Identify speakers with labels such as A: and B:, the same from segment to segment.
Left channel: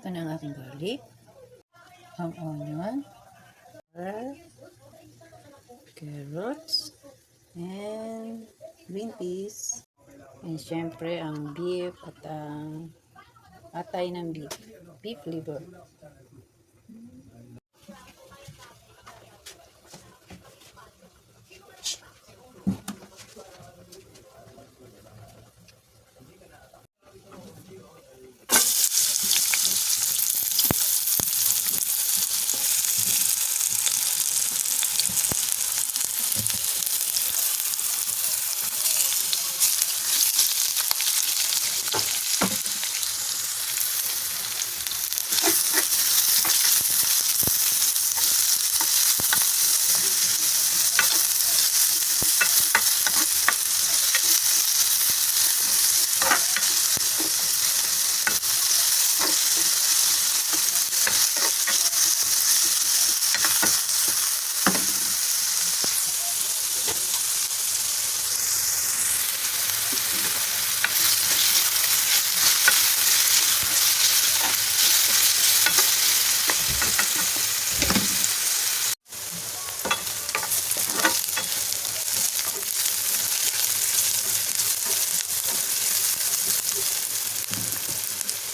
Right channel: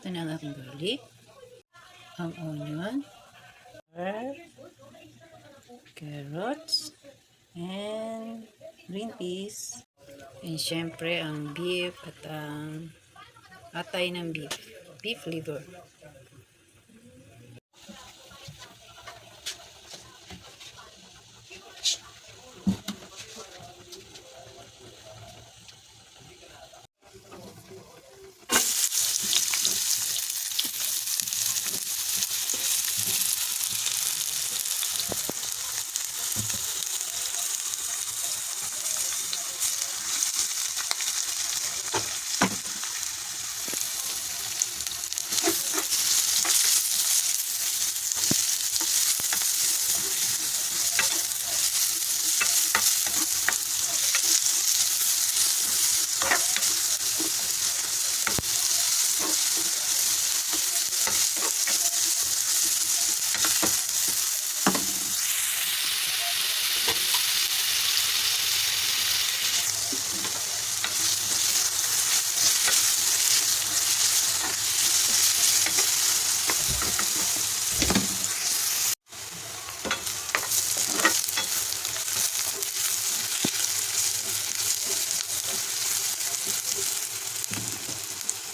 A: Ito na ang aking garlic. Ang onion. Carrots. And green peas. And syempre ang beef at ang atay ng beef. Beef liver.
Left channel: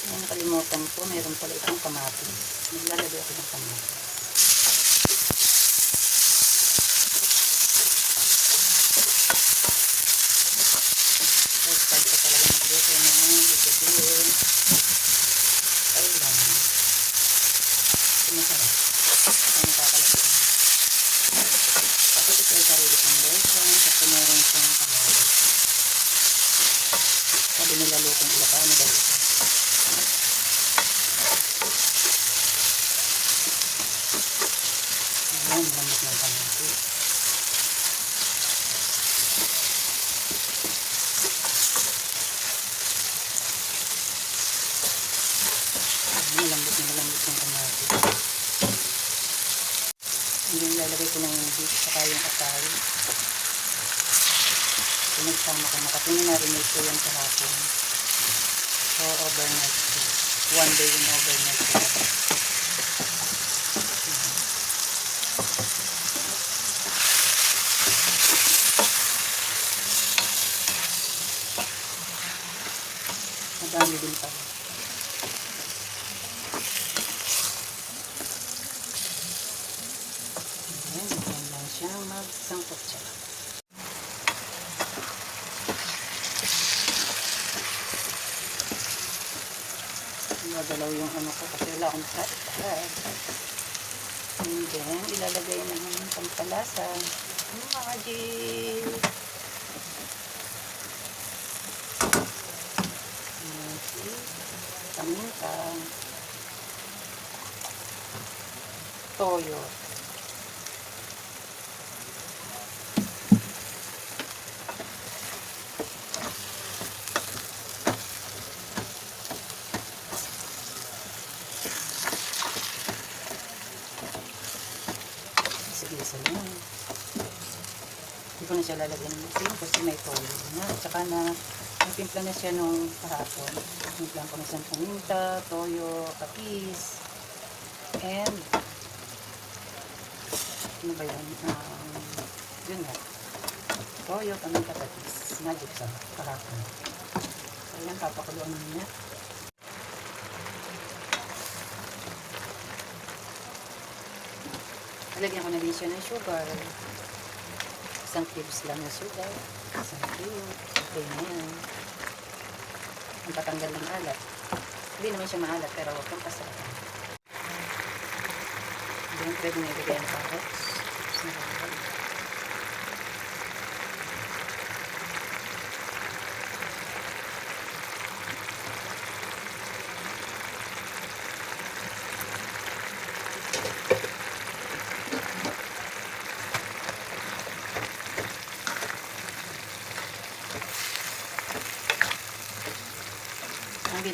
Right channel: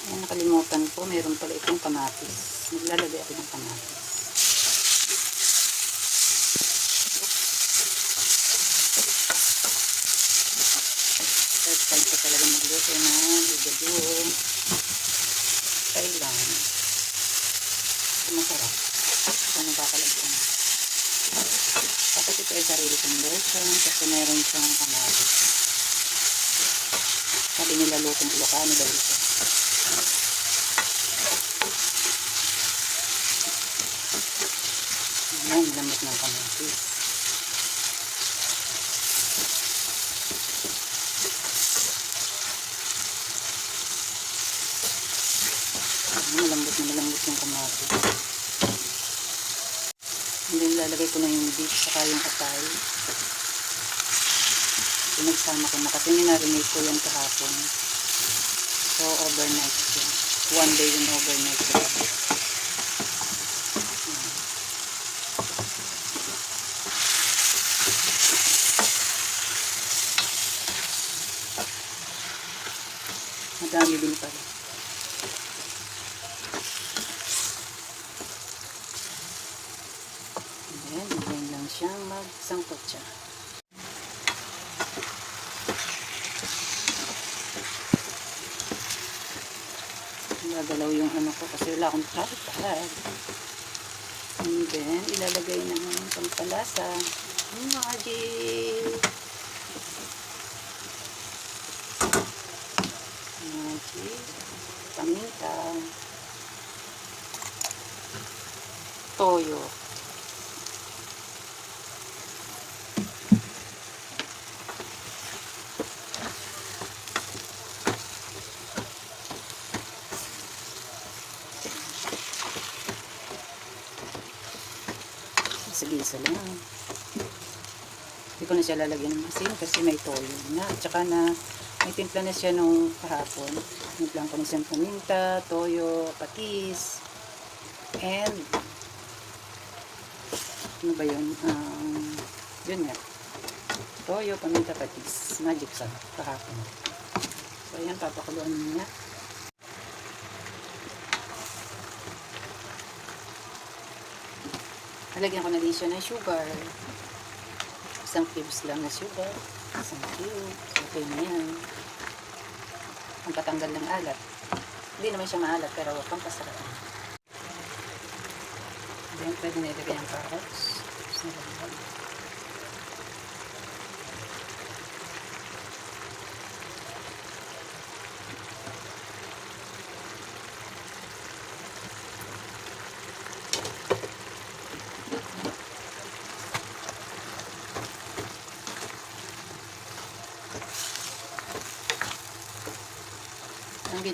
A: Ang nakalimutan ko, meron pala itong kamatis. Maglalagay ako ng kamatis. First time ko talaga magluto ng igado. Kailan. Masarap. Ito yung. Tapos ito ay sarili kasi meron siyang kamatis. Sabi nila lutong Ilocano daw ito. Ayan, lamot ng kamatis. Ayan, malambot na malambot ng kamatis. Hindi nilalagay ko na yung beef saka yung atay. Pinagsama ko na kasi narinig ko kahapon. So, overnight ko. One day yung overnight. Madami din pala. Ayan, bigyan lang siyang magsangkot siya. Nagalaw yung ano ko kasi wala akong tripod. And then, ilalagay na ng pampalasa. Magic. Paminta. Toyo. Sige, isa lang. Hindi ko na siya lalagyan ng kasi may toyo na. At saka na may timpla na siya nung kahapon. Timplan ko na siyang paminta, toyo, patis, and ano ba yun? Um, yun nga. Toyo, paminta, patis. Magic sa kahapon. So, yan, papakuluan mo na. Nalagyan ko na din siya ng sugar. Isang cubes lang na sugar. Isang cube. Okay na yan. Ang patanggal ng alat. Hindi naman siya maalat pero pampasarap. Then, pwede na ilagay ang carrots. Sarap.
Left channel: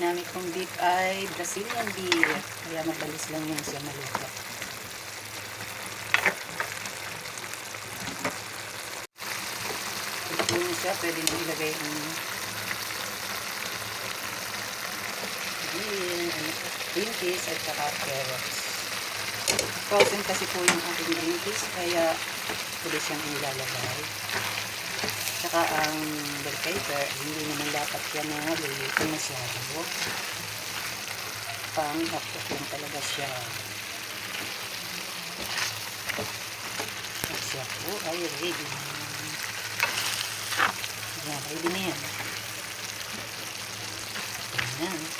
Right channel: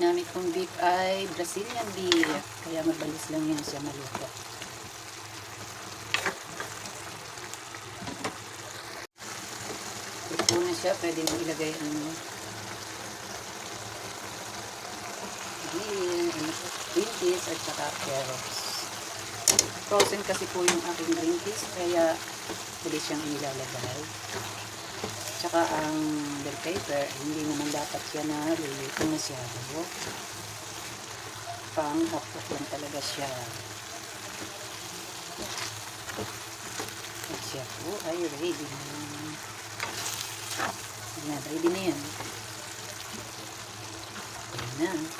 A: Ginamit kong beef ay Brazilian beef. Kaya mabalis lang yun siya maluto. Ito na siya. Pwede mo ilagay ang Ayan, ano po. green peas at saka carrots. Frozen kasi po yung aking green peas, kaya pwede siyang ilalagay. Tsaka ang bell pepper, hindi naman dapat siya na luluto masyado. Pang hapok lang talaga siya. At siya po ay ready na. Yan, ready na yan. Yan na.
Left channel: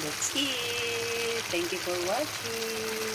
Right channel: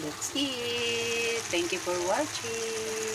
A: Let's eat! Thank you for watching!